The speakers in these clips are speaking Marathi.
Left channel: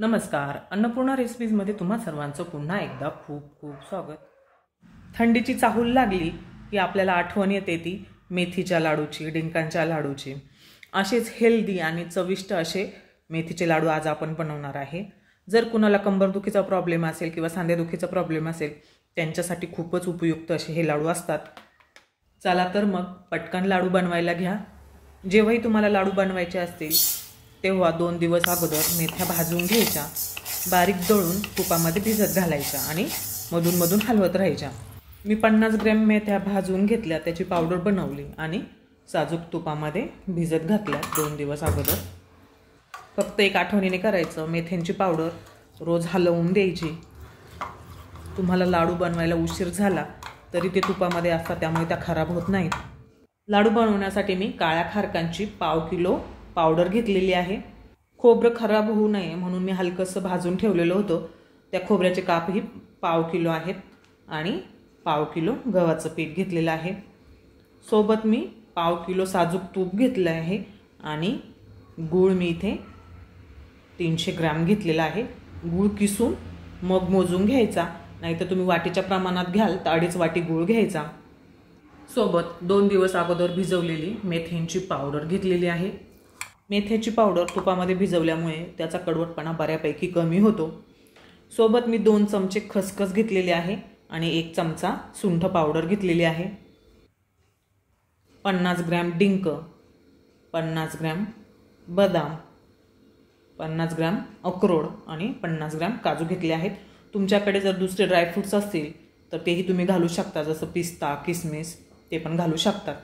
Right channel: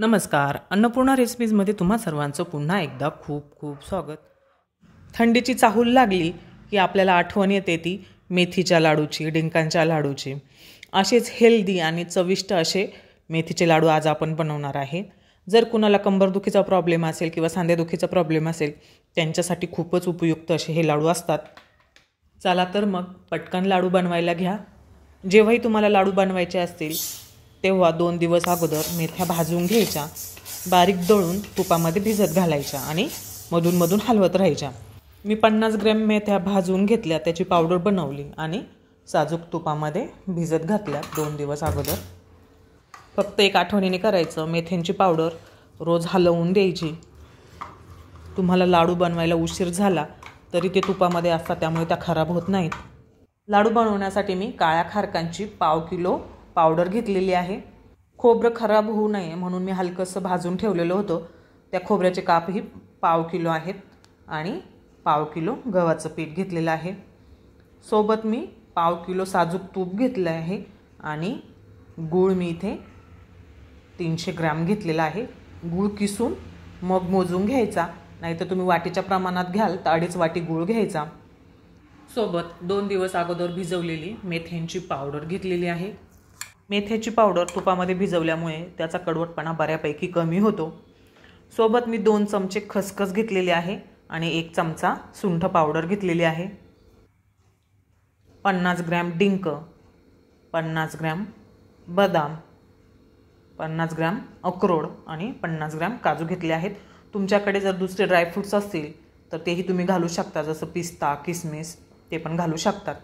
नमस्कार. अन्नपूर्णा रेसिपीजमध्ये तुम्हा सर्वांचं पुन्हा एकदा खूप खूप स्वागत. थंडीची चाहूल लागली की आपल्याला आठवण येते ती मेथीच्या लाडूची, डिंकांच्या लाडूची. असेच हेल्दी आणि चविष्ट असे मेथीचे लाडू आज आपण बनवणार आहे. जर कुणाला कंबरदुखीचा प्रॉब्लेम असेल किंवा सांधेदुखीचा प्रॉब्लेम असेल त्यांच्यासाठी खूपच उपयुक्त असे हे लाडू असतात. चला तर मग पटकन लाडू बनवायला घ्या. जेव्हाही तुम्हाला लाडू बनवायचे असतील तेव्हा 2 दिवस अगोदर मेथ्या भाजून घ्यायच्या, बारीक दळून तुपामध्ये भिजत घालायच्या आणि मधून हलवत राहायच्या. मी 50 ग्रॅम मेथ्या भाजून घेतल्या, त्याची पावडर बनवली आणि साजूक तुपामध्ये भिजत घातल्या 2 दिवस अगोदर. फक्त एक आठवणीने करायचं, मेथ्यांची पावडर रोज हलवून द्यायची. तुम्हाला लाडू बनवायला उशीर झाला तरी ते तुपामध्ये असतात, त्यामुळे त्या खराब होत नाहीत. लाडू बनवण्यासाठी मी काळ्या खारकांची 1/2 किलो पावडर घेतलेली आहे. खोबरं खराब होऊ नये म्हणून मी हलकंसं भाजून ठेवलेलं होतं. त्या खोबऱ्याचे कापही 1/2 किलो आहेत आणि 1/2 किलो गव्हाचं पीठ घेतलेलं आहे. सोबत मी 1/2 किलो साजूक तूप घेतलं आहे आणि गूळ मी इथे 300 ग्रॅम घेतलेला आहे. गूळ किसून मग मोजून घ्यायचा, नाहीतर तुम्ही वाटीच्या प्रमाणात घ्याल तर 2.5 वाटी गूळ घ्यायचा. सोबत 2 दिवस अगोदर भिजवलेली मेथ्यांची पावडर घेतलेली आहे. मेथ्याची पावडर तुपामध्ये भिजवल्यामुळे त्याचा कडवटपणा बऱ्यापैकी कमी होतो. सोबत मी 2 चमचे खसखस घेतलेले आहे आणि 1 चमचा सुंठ पावडर घेतलेली आहे. 50 ग्रॅम डिंक, 50 ग्रॅम बदाम, 50 ग्रॅम अक्रोड आणि 50 ग्रॅम काजू घेतले आहेत. तुमच्याकडे जर दुसरे ड्रायफ्रूट्स असतील तर तेही तुम्ही घालू शकता, जसं पिस्ता, किसमिस ते पण घालू शकतात.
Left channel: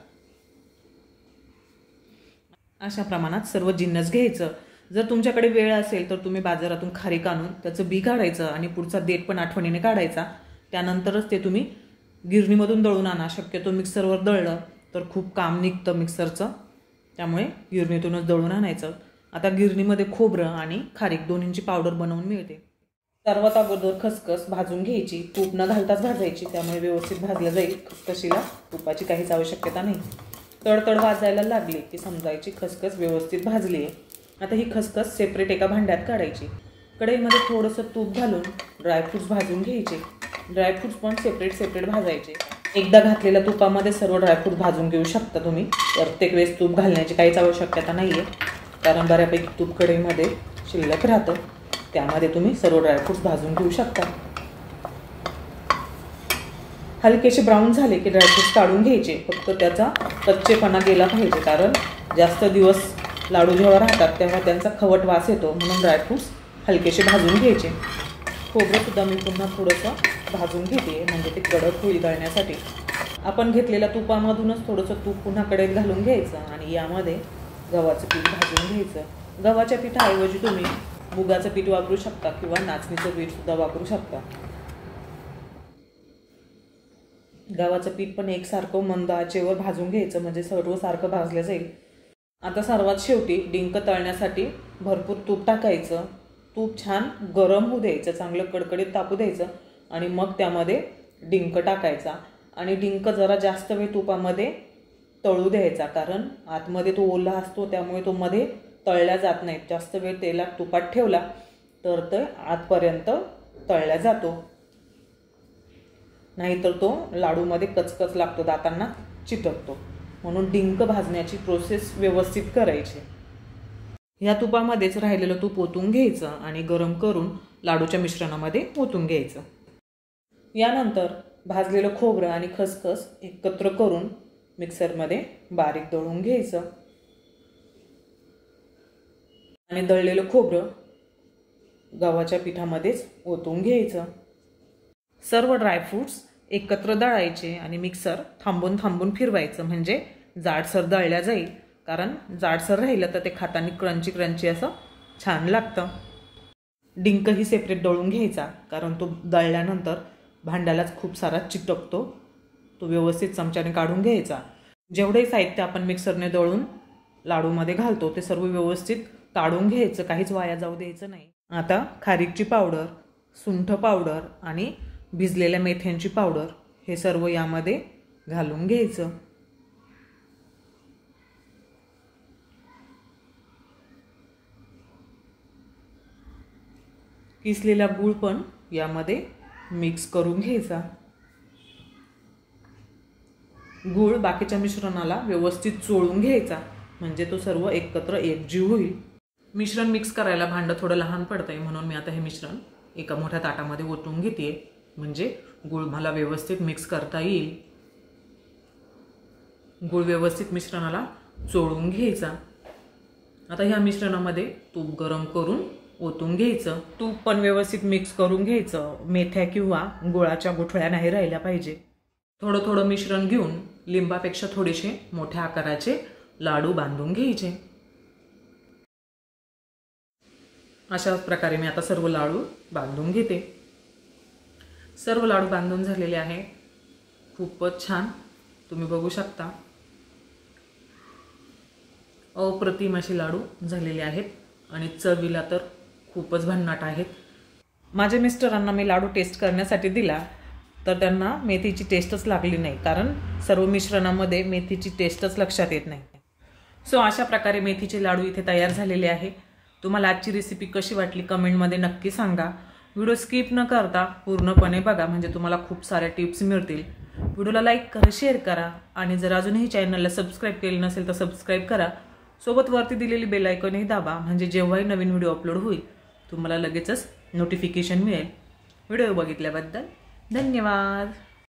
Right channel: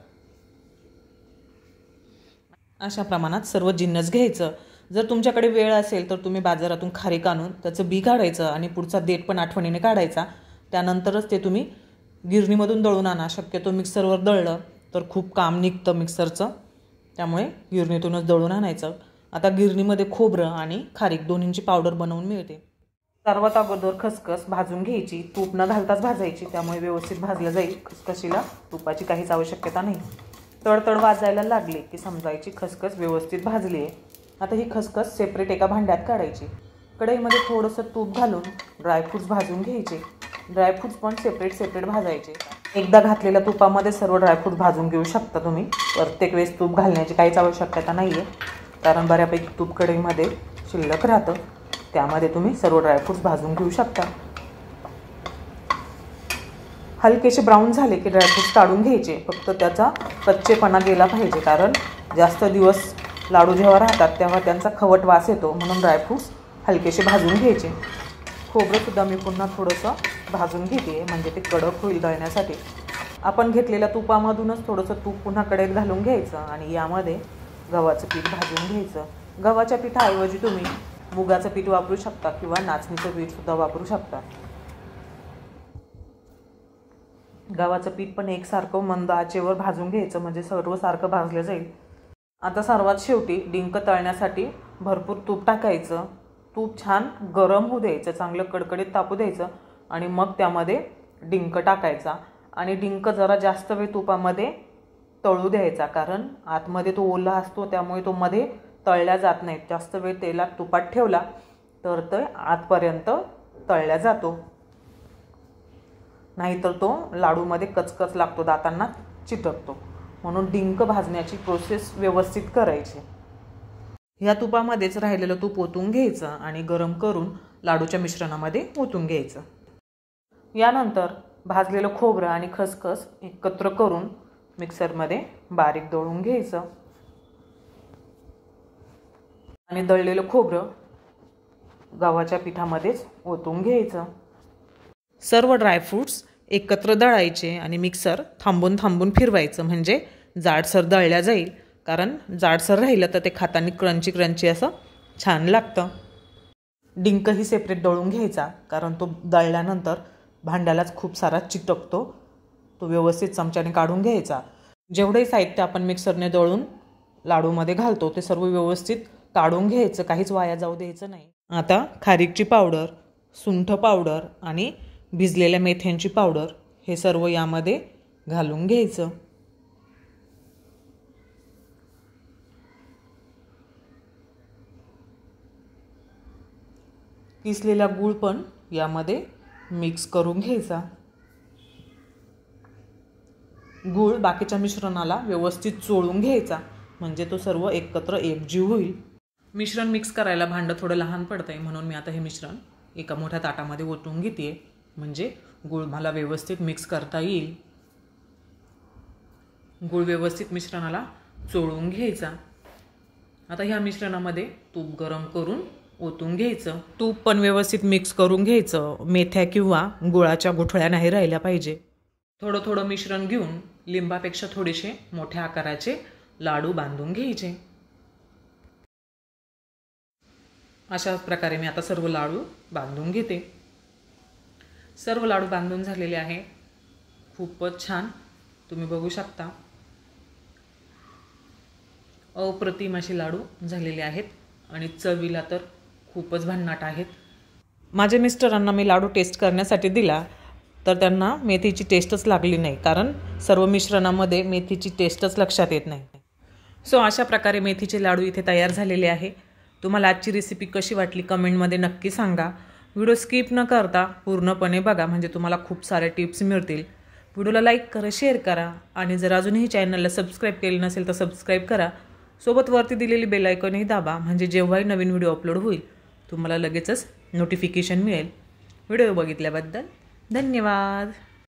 अशा प्रमाणात सर्व जिन्नस घ्यायचं. जर तुमच्याकडे वेळ असेल तर तुम्ही बाजारातून खारीक आणून त्याचं बी काढायचं आणि पुढचा देठ पण आठवणीने काढायचा. त्यानंतरच ते तुम्ही गिरणीमधून दळून आणा. शक्यतो मिक्सरवर दळलं तर खूप काम निघतं मिक्सरचं, त्यामुळे गिरणीतूनच दळून आणायचं. आता गिरणीमध्ये खोबरं आणि खारीक दोन्हींची पावडर बनवून मिळते. सर्वात अगोदर खसखस भाजून घ्यायची. तूप न घालताच भाजायची, त्यामुळे व्यवस्थित भाजलं जाईल. खसखशीला तुपाची काहीच आवश्यकता नाही. तडतड वाजायला लागली की समजायची खसखस व्यवस्थित भाजली आहे. आता ही खसखस सेपरेट एका भांड्यात काढायची. कढईमध्ये थोडंसं तूप घालून ड्रायफ्रूट्स भाजून घ्यायचे. ड्रायफ्रूट्स पण सेपरेट भाजायचे. एकदा घातलेल्या तुपामध्ये सर्व ड्रायफ्रूट भाजून घेऊ शकता तुम्ही. प्रत्येक वेळेस तूप घालण्याची काहीच आवश्यकता नाही आहे, कारण बऱ्यापैकी तूप कढईमध्ये शिल्लक राहतं. त्यामध्ये तुम्ही सर्व ड्रायफ्रूट्स भाजून घेऊ शकता. हलकेसे ब्राऊन झाले की ड्रायफ्रूट्स काढून घ्यायचे. फक्त त्याचा कच्चेपणा गेला पाहिजे, कारण जास्त दिवस लाडू जेव्हा राहतात तेव्हा त्यांचा खवट वास येतो, म्हणून ड्रायफ्रूट्स हलकेसे भाजून घ्यायचे. खोबरंसुद्धा मी पुन्हा थोडंसं भाजून घेते, म्हणजे ते कडक होईल दळण्यासाठी. आपण घेतलेल्या तुपामधूनच थोडंसं तूप पुन्हा कढईत घालून घ्यायचं आणि यामध्ये गव्हाचं पीठ भाजून घ्यायचं. गव्हाच्या पिठाऐवजी तुम्ही मुगाचं पीठ वापरू शकता किंवा नाचणीचं पीठसुद्धा वापरू शकता. गव्हाचं पीठ पण एकसारखं मंद आचेवर भाजून घ्यायचं, म्हणजे सर्व सारखं भाजलं जाईल. आता सर्वात शेवटी डिंक तळण्यासाठी भरपूर तूप टाकायचं. तूप छान गरम होऊ द्यायचं, चांगलं कडकडीत तापू द्यायचं आणि मग त्यामध्ये डिंक टाकायचा आणि डिंक जरा जास्त वेळ तुपामध्ये तळू द्यायचा, कारण आतमध्ये तो ओला असतो, त्यामुळे तो मध्ये तळल्या जात नाही. जास्त वेळ तेलात तुपात ठेवला तर ते आतपर्यंत तळल्या जातो, नाहीतर तो लाडूमध्ये कचकच लागतो, दातांना चिटकतो. म्हणून डिंक भाजण्याची प्रोसेस व्यवस्थित करायची. ह्या तुपामध्येच राहिलेलं तूप ओतून घ्यायचं आणि गरम करून लाडूच्या मिश्रणामध्ये ओतून घ्यायचं. यानंतर भाजलेलं खोबरं आणि खसखस एकत्र करून मिक्सरमध्ये बारीक दळून घ्यायचं आणि दळलेलं खोबरं गव्हाच्या पिठामध्येच ओतून घ्यायचं. सर्व ड्रायफ्रूट्स एकत्र दळायचे आणि मिक्सर थांबून फिरवायचं, म्हणजे जाडसर दळल्या जाईल. कारण जाडसर राहिलं तर ते खाताना क्रंची असं छान लागतं. डिंकही सेपरेट दळून घ्यायचा, कारण तो दळल्यानंतर भांड्यालाच खूप सारा चिटकतो. तो व्यवस्थित चमच्याने काढून घ्यायचा. जेवढंही साहित्य आपण मिक्सरने दळून लाडूमध्ये घालतो ते सर्व व्यवस्थित काढून घ्यायचं, काहीच वाया जाऊ द्यायचं नाही. आता खारीकची पावडर, सुंठ पावडर आणि भिजलेल्या मेथ्यांची पावडर हे सर्व यामध्ये घालून घ्यायचं. किसलेला गूळ पण यामध्ये मिक्स करून घ्यायचा. गूळ बाकीच्या मिश्रणाला व्यवस्थित चोळून घ्यायचा, म्हणजे तो सर्व एकत्र एकजीव होईल. मिश्रण मिक्स करायला भांडं थोडं लहान पडतं आहे, म्हणून मी आता हे मिश्रण एका मोठ्या ताटामध्ये ओतून घेते, म्हणजे गूळ मला व्यवस्थित मिक्स करता येईल. गूळ व्यवस्थित मिश्रणाला चोळून घ्यायचा. आता ह्या मिश्रणामध्ये तूप गरम करून ओतून घ्यायचं. तूप पण व्यवस्थित मिक्स करून घ्यायचं. मेथ्या किंवा गुळाच्या गुठळ्या नाही राहिल्या पाहिजे. थोडं थोडं मिश्रण घेऊन लिंबापेक्षा थोडेसे मोठ्या आकाराचे लाडू बांधून घ्यायचे. अशाच प्रकारे मी आता सर्व लाडू बांधून घेते. सर्व लाडू बांधून झालेले आहे. खूपच छान, तुम्ही बघू शकता. अप्रतिम असे लाडू झालेले आहेत आणि चवीला तर खूपच भन्नाट आहेत. माझ्या मिस्टरांना मी लाडू टेस्ट करण्यासाठी दिला, तर त्यांना मेथीची टेस्टच लागली नाही, कारण सर्व मिश्रणामध्ये मेथीची टेस्टच लक्षात येत नाही. सो अशा प्रकारे मेथीचे लाडू इथे तयार झालेले आहे. तुम्हाला आजची रेसिपी कशी वाटली कमेंटमध्ये नक्की सांगा. व्हिडिओ स्किप न करता पूर्णपणे बघा, म्हणजे तुम्हाला खूप सारे टिप्स मिळतील. व्हिडिओला लाईक करा, शेअर करा आणि जर अजूनही चॅनलला सबस्क्राईब केले नसेल तर सबस्क्राईब करा. सोबत वरती दिलेली बेल आयकॉनही दाबा, म्हणजे जेव्हाही नवीन व्हिडिओ अपलोड होईल तुम्हाला लगेचच नोटिफिकेशन मिळेल. व्हिडिओ बघितल्याबद्दल धन्यवाद.